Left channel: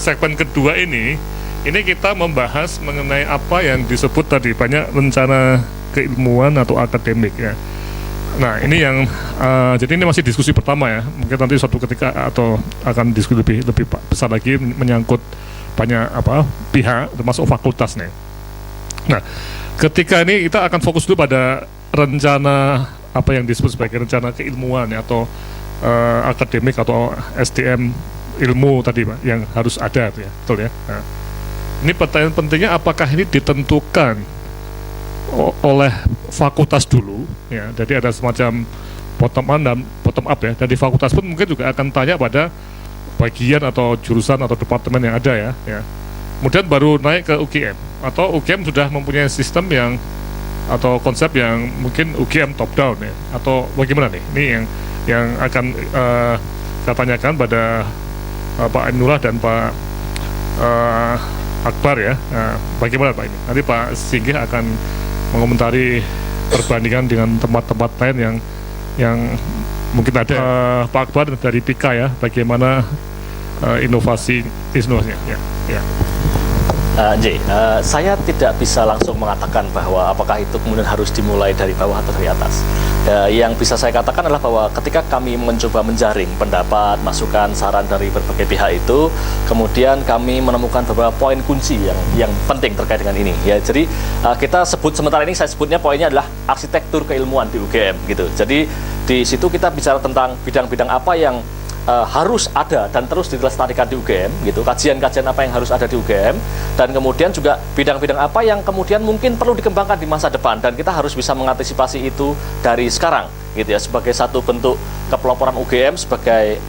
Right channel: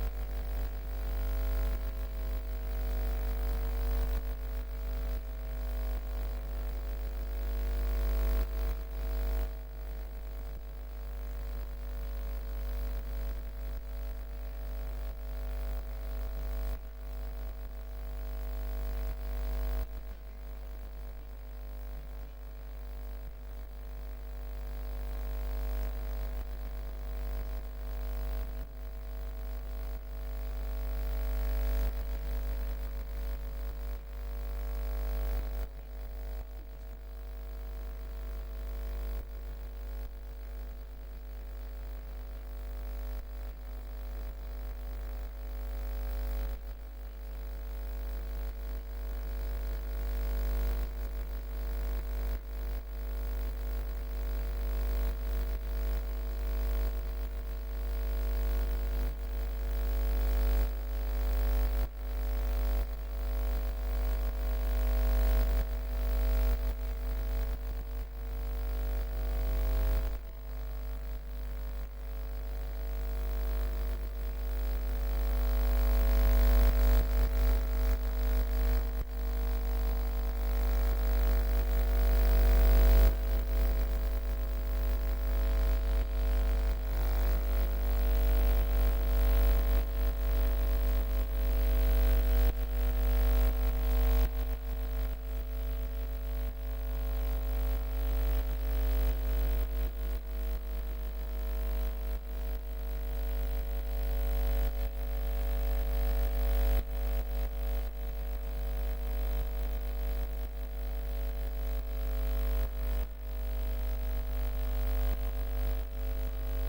segmen kedua ini kita membahas mengenai apa yang disebut tadi banyak rencana keilmuan atau akademik ya. Nah ini yang jadi ini masih diskusi pertama ya. Mungkin nanti suatu ketika atau akan diskusi lebih besar lagi menyangkut banyak pihak termasuk fakultas nih. Nah ketika ini kita akan fokus dulu pada rencana apa yang disebut sebagai rencana keilmuan ya, atau akademik atau SDM ilmu tadi Pak yang harus ada ya, betul ya. Nah, ini pertanyaan pentingnya apakah ini ditentukan oleh fakultas dulu ya, jadi ada semacam bottom up dan bottom up ya, dari fakultas pun mungkin juga akan tanya pada bagian atau jurusan atau departemen yang ada ya. Kemudian baru naik ke UGM atau UGM sudah mempunyai sistem yang atau konsep yang mungkin UGM top down ya, atau bagaimana nih? Ini yang akan saya tanyakan pada Pak Ainullah dan Pak Akbar ya. Bagaimana Pak ini? Nanti Pak Singgih akan mengomentari perbandingan dengan tempat-tempat lain yang mungkin ada. Pak Akbar dari PIKA ya, bagaimana inovasinya ya. Saya tidak bisa langsung mengatakan bahwa apakah itu kemudian harus dimulai dari bawah atau dari atas. Yang bisa saya katakan adalah bahwa ketika kami mencoba menjaring pendapat, masukan, saran dari berbagai pihak itu, kemudian kami menemukan beberapa poin kunci yang penting terkait dengan ini. Ya, jadi kita sebut sementara ini saya sebutnya poinnya adalah arsitektur keilmuan di UGM gitu. Jadi di situ kita bicara tentang bidang-bidang apa yang harus ada dan terus dilestarikan di UGM gitu, kajian-kajian apa yang harus ada di UGM, dan kemudian juga bidang-bidang apa yang kemudian mungkin perlu dikembangkan di masa depan, dan kita harus bisa mengantisipasi itu dari sekarang gitu ya, sebagai satu bentuk kepeloporan UGM sebagai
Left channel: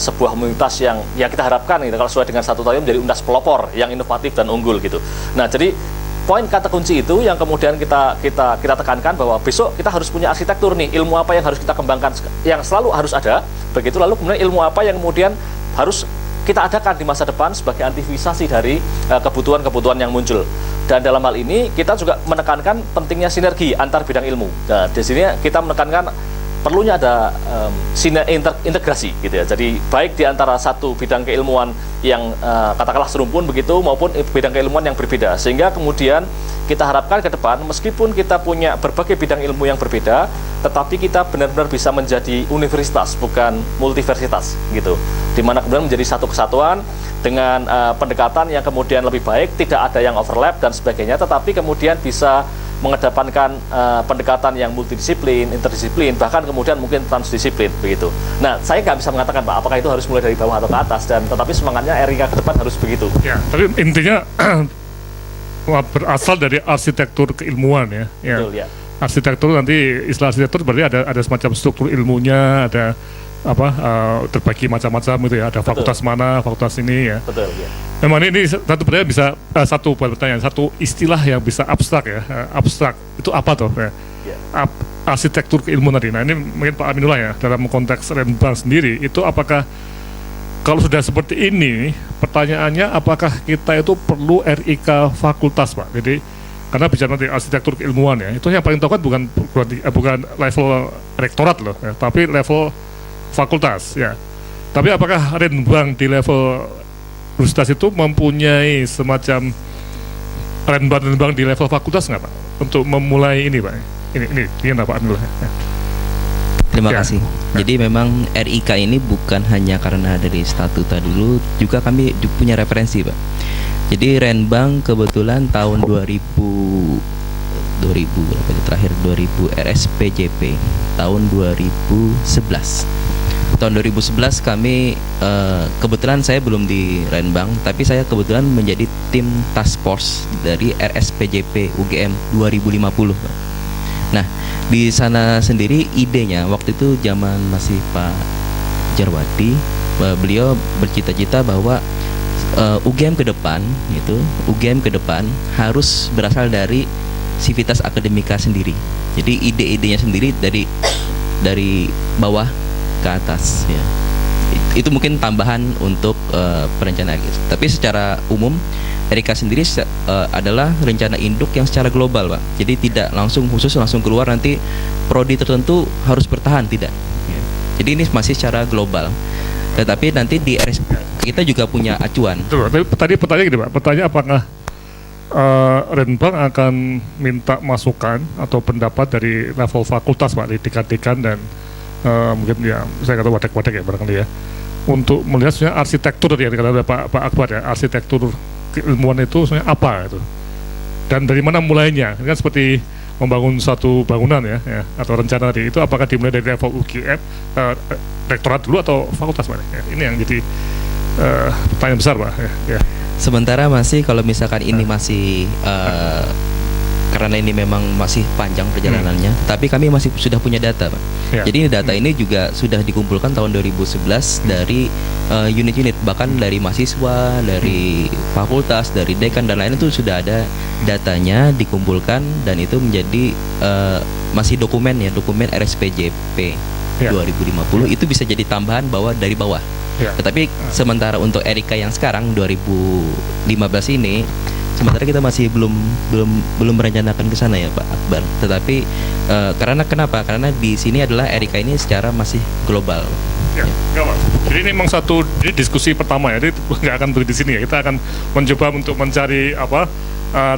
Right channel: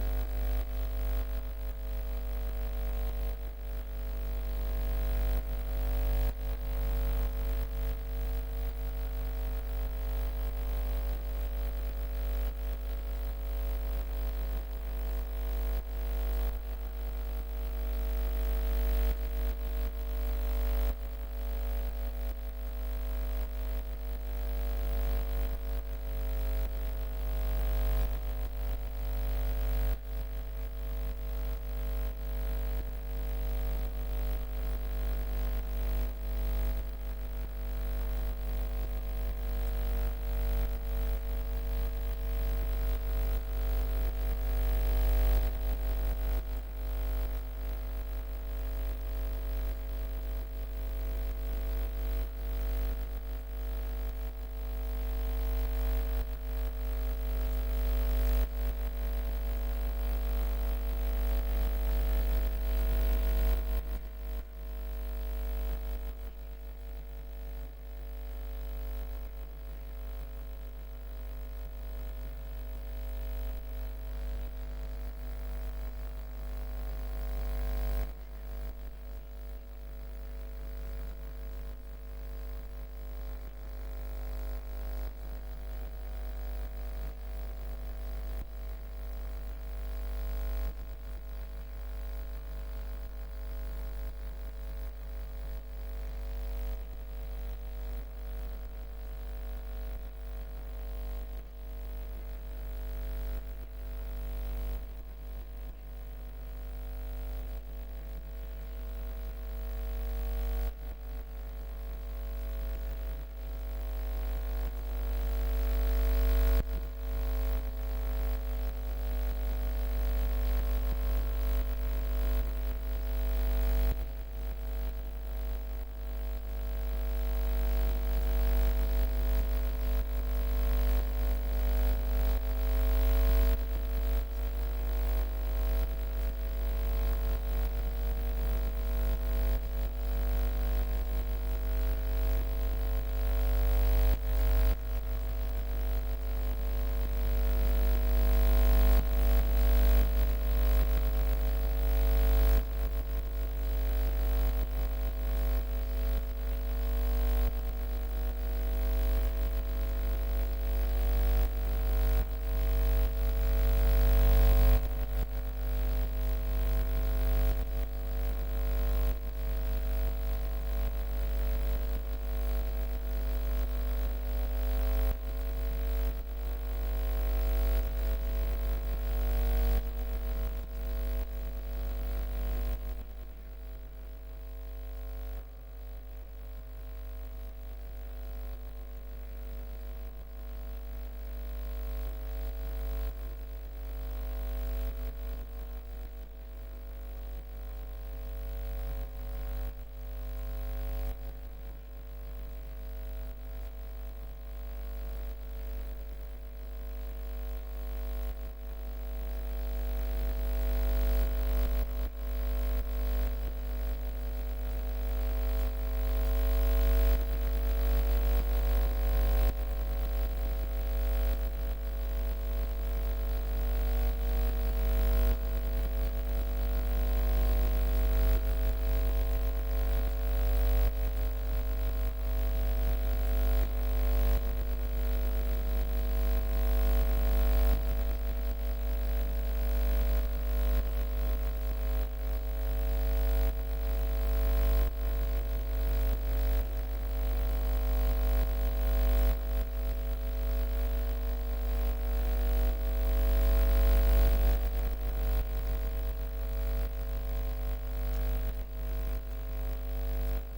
sebuah universitas yang kita harapkan gitu, kalau sesuai dengan satu tahun menjadi universitas pelopor yang inovatif dan unggul gitu. Nah, jadi poin kata kunci itu yang kemudian kita tekankan bahwa besok kita harus punya arsitektur nih, ilmu apa yang harus kita kembangkan, yang selalu harus ada, begitu lalu kemudian ilmu apa yang kemudian harus kita adakan di masa depan sebagai antisipasi dari kebutuhan-kebutuhan yang muncul. Dan dalam hal ini kita juga menekankan pentingnya sinergi antar bidang ilmu. Nah, di sini kita menekankan perlunya ada integrasi gitu ya. Jadi baik di antara satu bidang keilmuan yang katakanlah serumpun begitu maupun bidang keilmuan yang berbeda, sehingga kemudian kita harapkan ke depan meskipun kita punya berbagai bidang ilmu yang berbeda, tetapi kita benar-benar bisa menjadi universitas bukan multiversitas gitu. Dimana kemudian menjadi satu kesatuan dengan pendekatan yang kemudian lebih baik, tidak ada yang overlap dan sebagainya, tetapi kemudian bisa mengedepankan pendekatan yang multidisiplin, interdisiplin, bahkan kemudian mungkin transdisiplin begitu. Nah, saya nggak bisa mengatakan Pak, apakah itu harus mulai dari bawah atau ke atas, dan tetapi semangatnya RIK ke depan harus begitu. Ya, tapi intinya berasal dari arsitektur keilmuan ya. Betul ya. Arsitektur, nanti istilah arsitektur berarti ada semacam struktur ilmunya, ada terbagi macam-macam gitu ya, ada fakultas mana, fakultas ini ya. Betul ya. Memang ini satu pertanyaan bisa satu istilah yang bisa abstrak ya. Abstrak itu apa tuh ya? Arsitektur keilmuan tadi. Nah, ini mungkin Pak Aminullah ya, dalam konteks Renbang sendiri itu apakah kalau sudah seperti ini, pertanyaannya apakah kita itu perlu RIK fakultas Pak? Jadi karena bicara nanti arsitektur keilmuan ya, itu yang paling tahu kan bukan level rektorat loh ya, tapi level fakultas ya. Tapi apakah Renbang di level universitas itu mempunyai semacam Renbang di level fakultas nggak Pak? Untuk memulai ini Pak? Ini Pak Aminullah. Terima kasih. Jadi memang RIK ini bukan hanya karena dari statuta dulu, juga kami punya referensi Pak. Jadi Renbang kebetulan tahun 2000 terakhir 2000 RSPJP tahun 2011. Tahun 2011 kami kebetulan saya belum di Renbang, tapi saya kebetulan menjadi tim task force dari RSPJP UGM 2050. Nah, di sana sendiri idenya waktu itu zaman masih Pak Jarwadi, beliau bercita-cita bahwa UGM ke depan harus berasal dari sivitas akademika sendiri. Jadi ide-idenya sendiri dari bawah ke atas ya. Itu mungkin tambahan untuk perencanaan. Tapi secara umum RIK sendiri adalah rencana induk yang secara global Pak. Jadi tidak langsung khusus langsung keluar nanti prodi tertentu harus bertahan, tidak ya. Jadi ini masih secara global. Tetapi nanti di RSP kita juga punya acuan. Betul. Tapi tadi pertanyaan gini Pak, pertanyaan apakah Renbang akan minta masukan atau pendapat dari level fakultas Pak, di dekan-dekan dan mungkin ya saya kata wadah-wadah ya barangkali ya, untuk melihat sebenarnya arsitektur tadi yang dikatakan oleh Pak Akbar ya, arsitektur keilmuan itu sebenarnya apa itu, dan dari mana mulainya. Ini kan seperti membangun satu bangunan ya, atau rencana tadi itu, apakah dimulai dari level UGM, rektorat dulu atau fakultas Pak? Ya, ini yang jadi pertanyaan besar Pak. Ya. Sementara masih kalau misalkan ini masih karena ini memang masih panjang perjalanannya, tapi kami masih sudah punya data, Pak. Ya. Jadi data ini juga sudah dikumpulkan tahun 2011 dari unit-unit, bahkan dari mahasiswa, dari fakultas, dari dekan dan lain, itu sudah ada datanya dikumpulkan, dan itu menjadi masih dokumen ya, dokumen RSPJP 2050 itu bisa jadi tambahan dari bawah. Tetapi sementara untuk Erika yang sekarang 2015 ini, sementara kita masih belum merencanakan ke sana ya Pak Akbar. Tetapi karena kenapa? Karena di sini adalah Erika ini secara masih global. Ya, enggak Mas. Jadi ini memang ini diskusi pertama ya. Jadi nggak akan berhenti di sini ya. Kita akan mencoba untuk mencari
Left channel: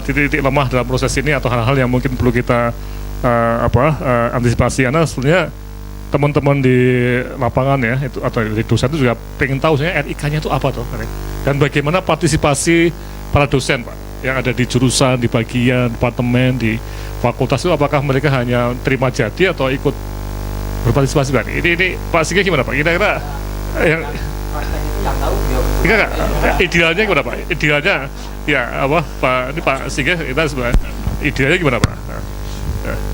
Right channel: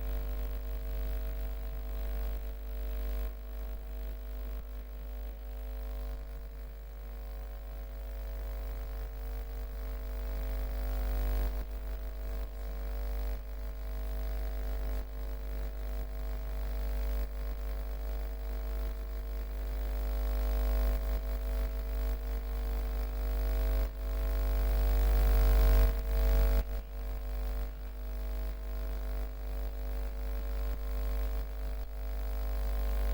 titik-titik lemah dalam proses ini, atau hal-hal yang mungkin perlu kita antisipasi. Karena sebenarnya teman-teman di lapangan ya itu, atau di dosen itu juga pengen tahu sebenarnya RIK-nya itu apa tuh, dan bagaimana partisipasi para dosen Pak yang ada di jurusan, di bagian departemen, di fakultas itu, apakah mereka hanya terima jadi atau ikut berpartisipasi Pak? Ini Pak Sigeh gimana Pak? Kira-kira yang idealnya gimana Pak? Idealnya ya Pak, ini Pak Sigeh, kita sebenarnya idealnya gimana Pak?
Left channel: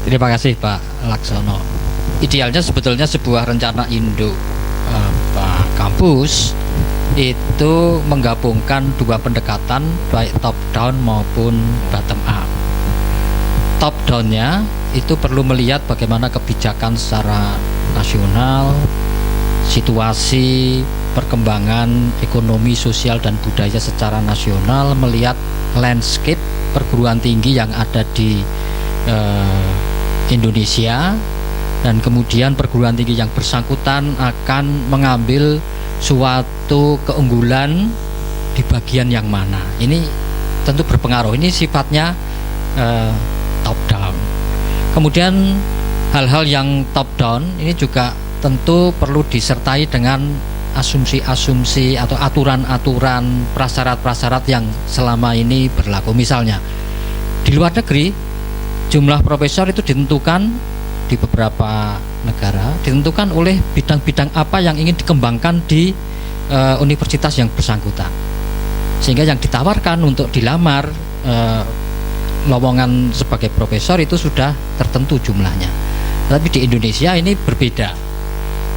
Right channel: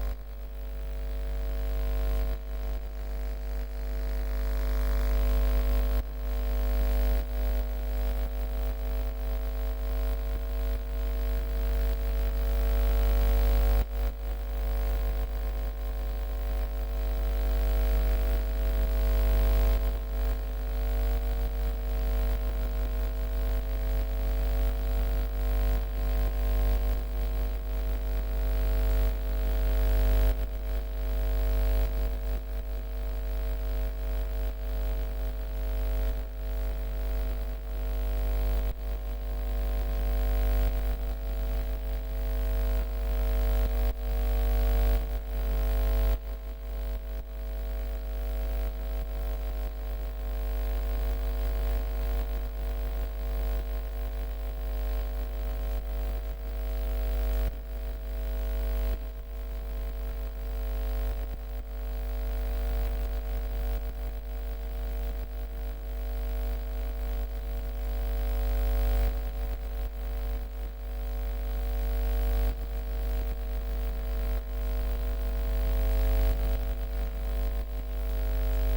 Terima kasih Pak Laksono. Idealnya sebetulnya sebuah rencana induk kampus itu menggabungkan dua pendekatan, baik top down maupun bottom up. Top down-nya itu perlu melihat bagaimana kebijakan secara nasional, situasi perkembangan ekonomi, sosial dan budaya secara nasional, melihat landscape perguruan tinggi yang ada di Indonesia, dan kemudian perguruan tinggi yang bersangkutan akan mengambil suatu keunggulan di bagian yang mana. Ini tentu berpengaruh. Ini sifatnya top down. Kemudian hal-hal yang top down ini juga tentu perlu disertai dengan asumsi-asumsi atau aturan-aturan, prasyarat-prasyarat yang selama ini berlaku. Misalnya di luar negeri jumlah profesor itu ditentukan di beberapa negara, ditentukan oleh bidang-bidang apa yang ingin dikembangkan di universitas yang bersangkutan, sehingga yang ditawarkan untuk dilamar lowongan sebagai profesor itu sudah tertentu jumlahnya. Tapi di Indonesia ini berbeda.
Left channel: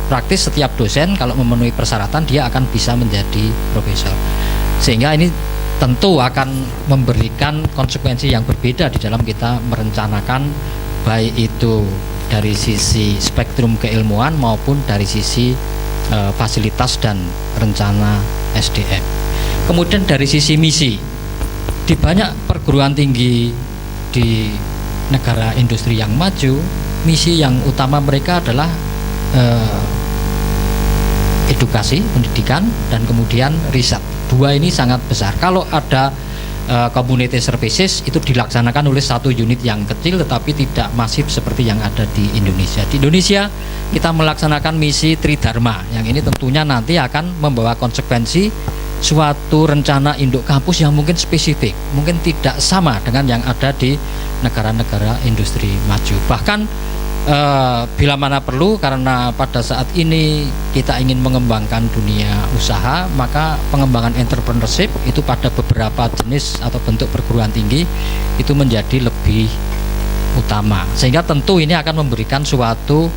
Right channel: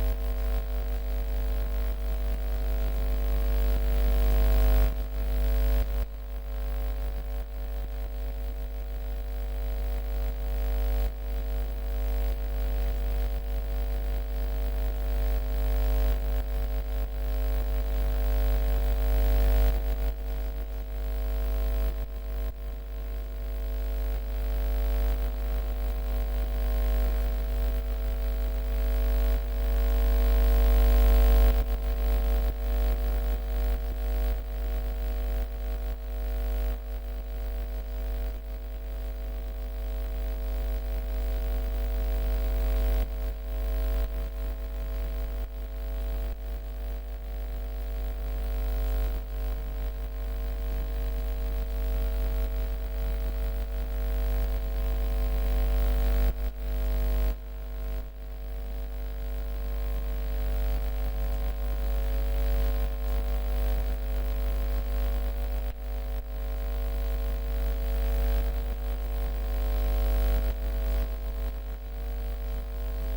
Praktis setiap dosen kalau memenuhi persyaratan dia akan bisa menjadi profesor, sehingga ini tentu akan memberikan konsekuensi yang berbeda di dalam kita merencanakan, baik itu dari sisi spektrum keilmuan maupun dari sisi fasilitas dan rencana SDM. Kemudian dari sisi misi, di banyak perguruan tinggi di negara industri yang maju, misi yang utama mereka adalah edukasi, pendidikan, dan kemudian riset. Dua ini sangat besar. Kalau ada community services itu dilaksanakan oleh satu unit yang kecil tetapi tidak masif seperti yang ada di Indonesia. Di Indonesia kita melaksanakan misi Tridharma, yang ini tentunya nanti akan membawa konsekuensi suatu rencana induk kampus yang mungkin spesifik, mungkin tidak sama dengan yang ada di negara-negara industri maju. Bahkan bila mana perlu, karena pada saat ini kita ingin mengembangkan dunia usaha, maka pengembangan entrepreneurship itu pada beberapa jenis atau bentuk perguruan tinggi itu menjadi lebih utama, sehingga tentu ini akan memberikan suatu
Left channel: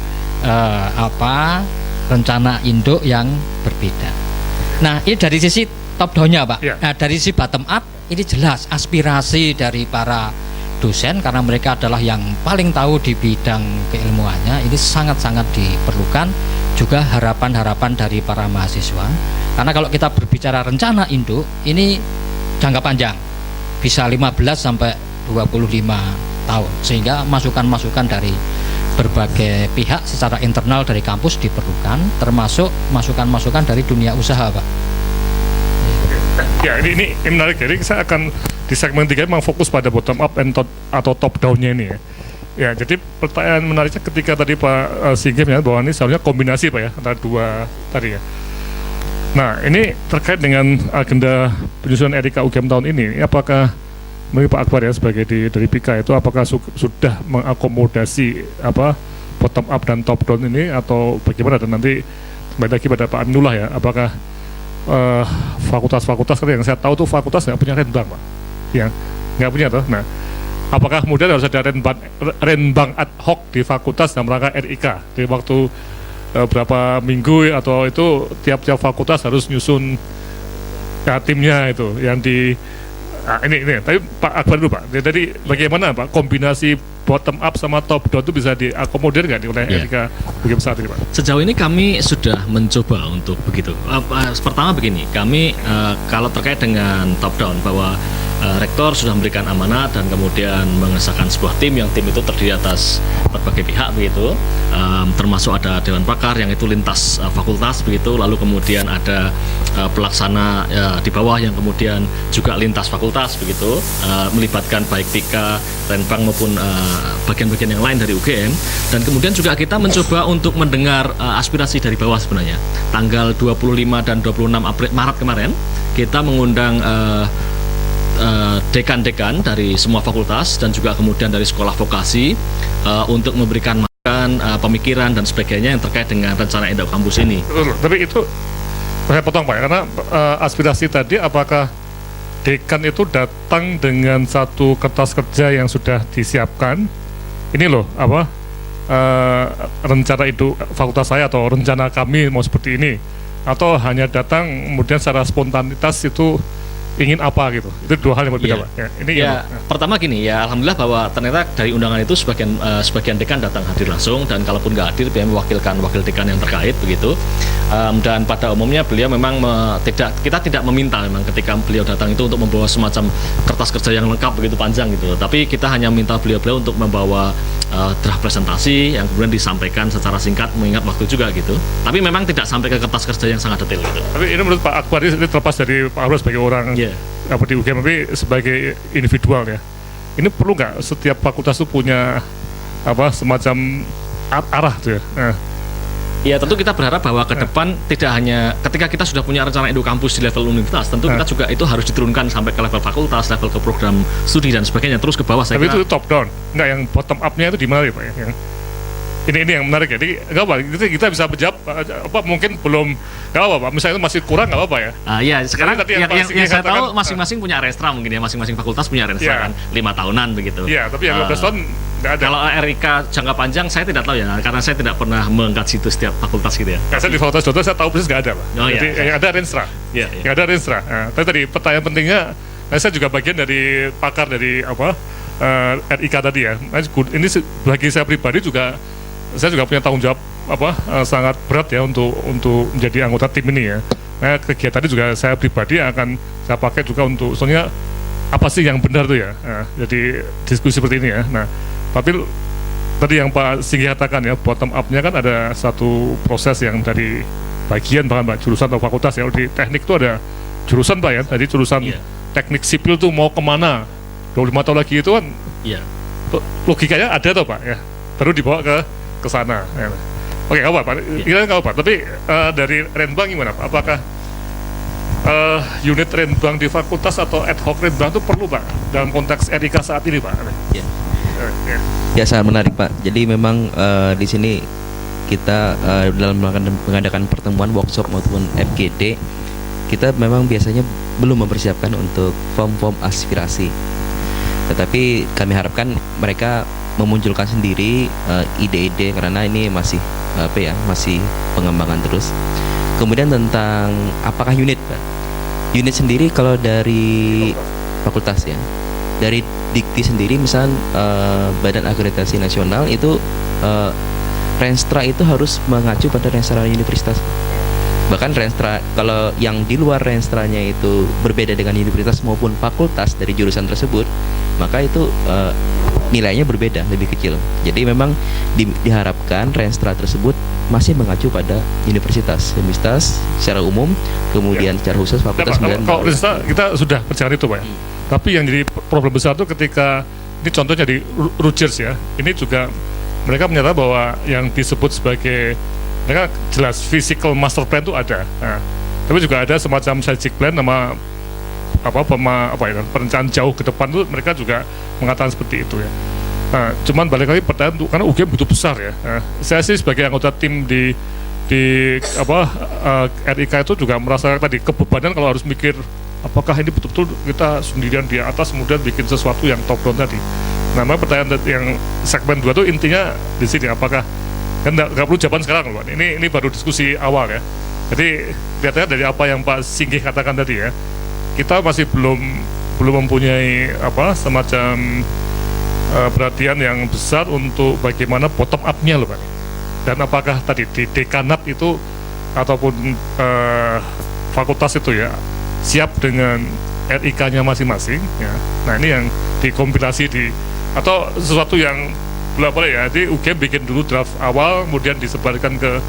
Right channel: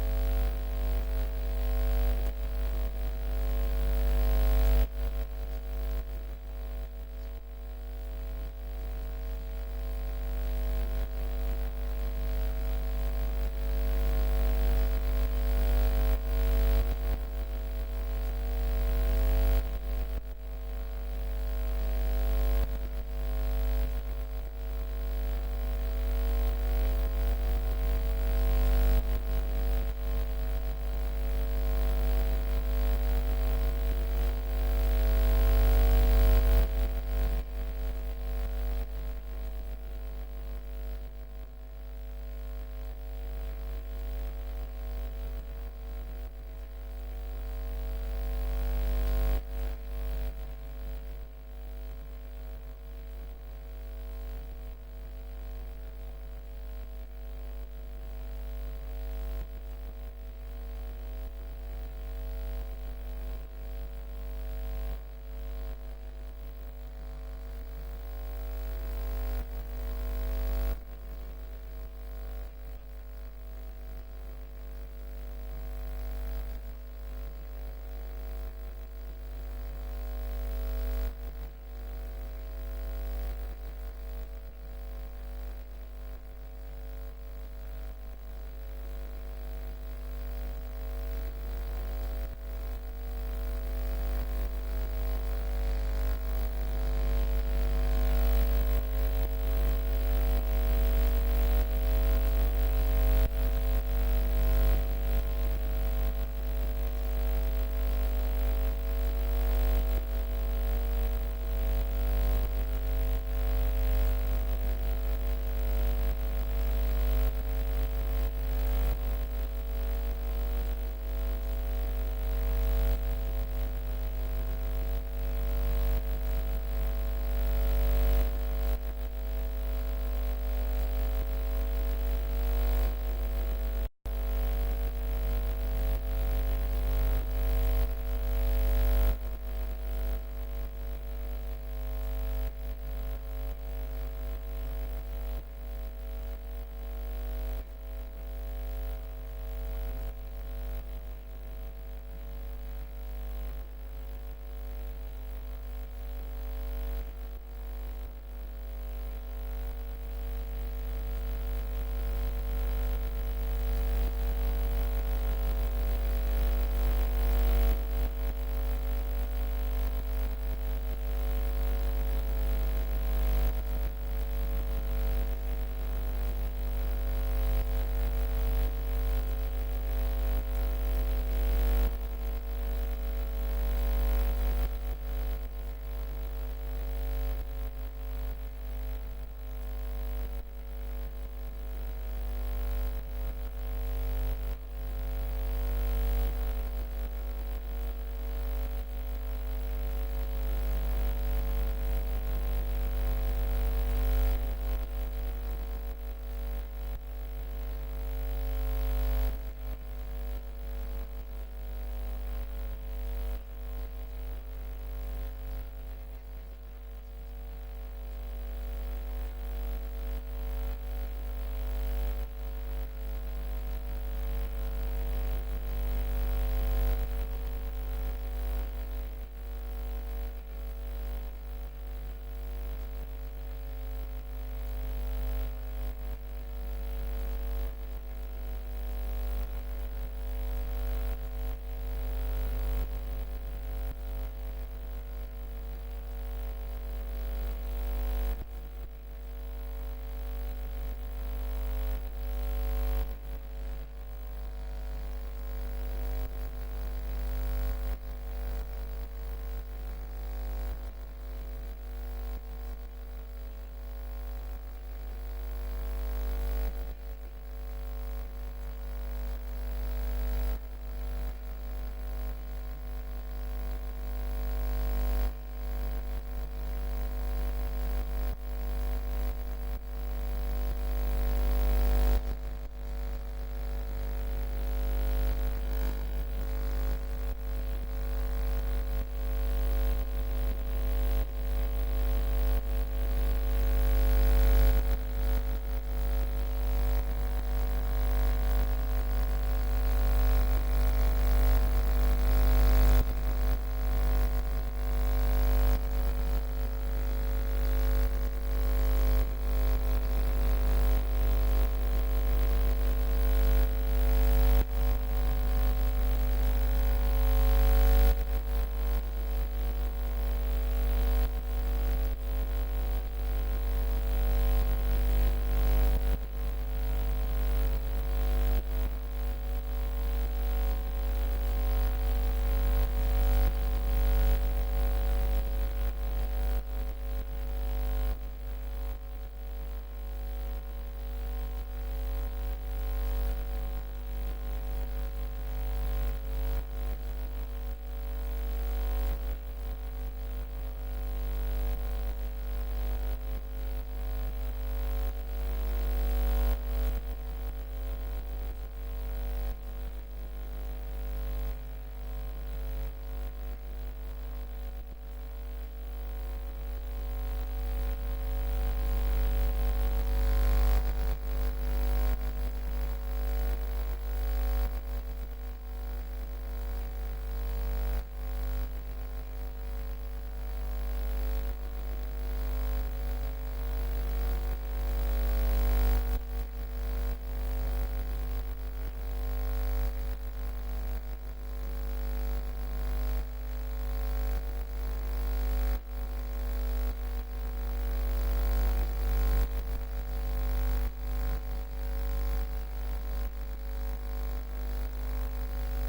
rencana induk yang berbeda. Nah, ini dari sisi top down-nya Pak. Nah, dari sisi bottom up ini jelas aspirasi dari para dosen, karena mereka adalah yang paling tahu di bidang keilmuannya, ini sangat-sangat diperlukan. Juga harapan-harapan dari para mahasiswa, karena kalau kita berbicara rencana induk ini jangka panjang, bisa 15 sampai 25 tahun, sehingga masukan-masukan dari berbagai pihak secara internal dari kampus diperlukan, termasuk masukan-masukan dari dunia usaha, Pak. Ya, ini menarik. Jadi saya akan di segmen 3 memang fokus pada bottom up atau top down-nya ini ya. Ya, jadi pertanyaan menariknya ketika tadi Pak Singgih menyatakan bahwa ini seharusnya kombinasi Pak ya antara dua tadi ya. Nah, ini terkait dengan agenda penyusunan RIK UGM tahun ini, apakah menurut Pak Akbar ya sebagai dari PIKA itu apakah sudah mengakomodasi bottom up dan top down ini atau bagaimana, dan nanti kembali lagi pada Pak Aminullah ya, apakah fakultas-fakultas yang saya tahu tuh fakultas nggak punya renbang Pak, yang nggak punya tuh. Nah, apakah kemudian harus ada renbang ad hoc di fakultas dalam rangka RIK di waktu berapa minggu atau itu tiap-tiap fakultas harus nyusun ya, timnya itu yang di ini tapi Pak Akbar dulu Pak, jadi bagaimana Pak kombinasi bottom up sama top down itu bisa diakomodir nggak oleh RIK UGM saat ini Pak? Sejauh ini kami sudah mencoba untuk begitu. Pertama begini, kami kalau terkait dengan top down bahwa rektor sudah memberikan amanat dan kemudian mengesahkan sebuah tim, yang tim itu terdiri atas berbagai pihak begitu, termasuk ada dewan pakar yang itu lintas fakultas begitu, lalu kemudian ada pelaksana di bawah yang kemudian juga lintas fakultas begitu, melibatkan baik PIKA, Renbang maupun bagian-bagian yang lain dari UGM, dan kemudian juga kita mencoba untuk mendengar aspirasi dari bawah sebenarnya. Tanggal 25 dan 26 Maret kemarin kita mengundang dekan-dekan dari semua fakultas dan juga kemudian dari sekolah vokasi untuk memberikan masukan, pemikiran dan sebagainya yang terkait dengan rencana Indo Kampus ini. Tapi itu saya potong Pak, karena aspirasi tadi apakah dekan itu datang dengan satu kertas kerja yang sudah disiapkan, ini loh rencana itu fakultas saya atau rencana kami mau seperti ini, atau hanya datang kemudian secara spontanitas itu ingin apa gitu? Itu dua hal yang berbeda Pak. Ya, ini pertama gini ya, alhamdulillah bahwa ternyata dari undangan itu sebagian dekan datang hadir langsung, dan kalaupun nggak hadir dia mewakilkan wakil dekan yang terkait begitu. Dan pada umumnya beliau memang kita tidak meminta memang ketika beliau datang itu untuk membawa semacam kertas kerja yang lengkap begitu panjang gitu, tapi kita hanya minta beliau untuk membawa draft presentasi yang kemudian disampaikan secara singkat mengingat waktu juga gitu. Tapi memang tidak sampai ke kertas kerja yang sangat detail gitu. Tapi ini menurut Pak Akbar ini terlepas dari Pak Akbar sebagai orang di UGM, tapi sebagai individual ya, ini perlu nggak setiap fakultas itu punya semacam arah tuh ya? Ya tentu kita berharap bahwa ke depan tidak hanya ketika kita sudah punya rencana Indo Kampus di level universitas, tentu kita juga itu harus diturunkan sampai ke level fakultas, level ke program studi dan sebagainya, terus ke bawah. Tapi itu top down, nggak yang bottom up-nya itu di mana ya Pak? Ini yang menarik ya. Jadi nggak apa, kita bisa menjawab mungkin belum nggak apa Pak. Misalnya itu masih kurang nggak apa ya? Ya sekarang yang saya tahu masing-masing punya restra mungkin ya, masing-masing fakultas punya restra kan 5 tahunan begitu. Iya, tapi yang 15 tahun nggak ada. Kalau RIK jangka panjang saya tidak tahu ya, karena saya tidak pernah mengangkat situ setiap fakultas gitu ya. Saya di fakultas dokter saya tahu persis nggak ada Pak. Jadi yang ada renstra. Yang ada renstra. Tapi tadi pertanyaan pentingnya, saya juga bagian dari pakar dari RIK tadi ya. Ini bagi saya pribadi juga, saya juga punya tanggung jawab sangat berat ya untuk menjadi anggota tim ini ya. Nah, kegiatannya juga saya pribadi akan saya pakai juga untuk soalnya apa sih yang benar tuh ya. Nah, jadi diskusi seperti ini ya. Nah, tapi tadi yang Pak Singgih katakan ya, bottom up-nya kan ada satu proses yang dari bagian bahkan jurusan atau fakultas ya. Di teknik itu ada jurusan Pak ya. Jadi jurusan teknik sipil tuh mau kemana 25 tahun lagi itu kan logikanya ada tuh Pak ya. Baru dibawa ke sana ya. Oke, nggak apa-apa. Kira-kira nggak apa-apa. Tapi dari Renbang gimana Pak? Apakah unit Renbang di fakultas atau ad hoc Renbang itu perlu Pak dalam konteks RIK saat ini Pak? Ya, sangat menarik Pak. Jadi memang di sini kita dalam mengadakan pertemuan workshop maupun FGD, kita memang biasanya belum mempersiapkan untuk form-form aspirasi. Tetapi kami harapkan mereka memunculkan sendiri ide-ide, karena ini masih masih pengembangan terus. Kemudian tentang apakah unit Pak? Unit sendiri kalau dari fakultas ya, dari Dikti sendiri misal Badan Akreditasi Nasional itu renstra itu harus mengacu pada renstra universitas. Bahkan renstra kalau yang di luar renstranya itu berbeda dengan universitas maupun fakultas dari jurusan tersebut, maka itu nilainya berbeda, lebih kecil. Jadi memang diharapkan renstra tersebut masih mengacu pada universitas secara umum, kemudian secara khusus fakultas Kalau kemudian Resta, kita sudah berjalan itu Pak ya. Tapi yang jadi problem besar itu ketika ini contohnya di Rutgers ya, ini juga mereka menyatakan bahwa yang disebut sebagai mereka jelas physical master plan itu ada. Nah, tapi juga ada semacam strategic plan nama perencanaan jauh ke depan itu mereka juga mengatakan seperti itu ya. Nah, cuman balik lagi pertanyaan karena UGM begitu besar ya. Nah, saya sih sebagai anggota tim di RIK itu juga merasakan tadi kebebanan kalau harus mikir apakah ini betul-betul kita sendirian di atas kemudian bikin sesuatu yang top down tadi. Nah, pertanyaan yang segmen 2 itu intinya di sini apakah kan nggak perlu jawaban sekarang loh, ini baru diskusi awal ya. Jadi kelihatannya dari apa yang Pak Singgih katakan tadi ya, kita masih belum mempunyai semacam perhatian yang besar untuk bagaimana bottom up-nya loh Pak. Dan apakah tadi di dekanat itu ataupun fakultas itu ya siap dengan RIK-nya masing-masing ya. Nah, ini yang dikompilasi atau sesuatu yang boleh ya. Jadi UGM bikin dulu draft awal kemudian disebarkan ke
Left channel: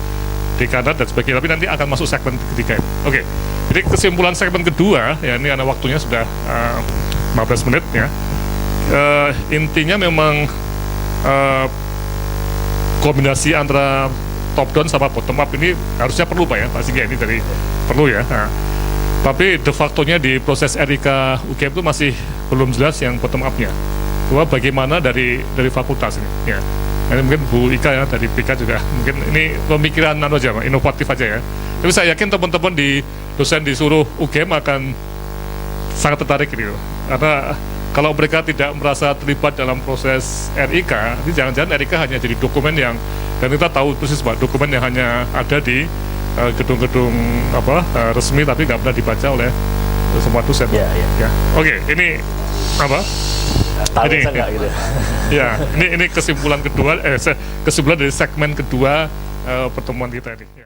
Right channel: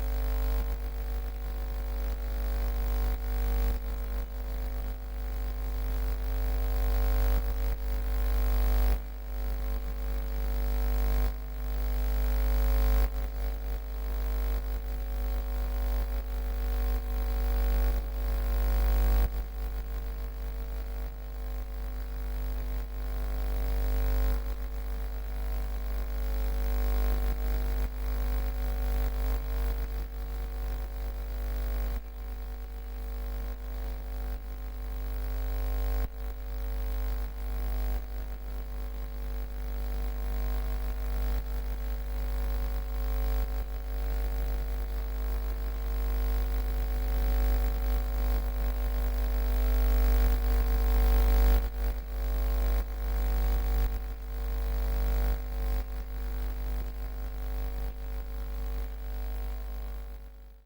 dekanat dan sebagainya, tapi nanti akan masuk segmen ketiga. Oke. Jadi kesimpulan segmen kedua ya, ini karena waktunya sudah 15 menit ya. Intinya memang kombinasi antara top down sama bottom up ini harusnya perlu Pak ya, Pak Singgih, ini dari perlu ya. Nah, tapi de facto-nya di proses RIK UGM itu masih belum jelas yang bottom up-nya. Bahwa bagaimana dari fakultas ini ya. Ini mungkin Bu Ika ya dari PK juga mungkin ini pemikiran aja Pak, inovatif aja ya. Tapi saya yakin teman-teman di dosen di seluruh UGM akan sangat tertarik gitu. Karena kalau mereka tidak merasa terlibat dalam proses RIK, ini jangan-jangan RIK hanya jadi dokumen yang, dan kita tahu persis Pak, dokumen yang hanya ada di gedung-gedung resmi tapi nggak pernah dibaca oleh semua dosen. Ya. Oke, ini apa? Ini enggak gitu. Ya, ini kesimpulan kedua, kesimpulan dari segmen kedua pertemuan kita ini.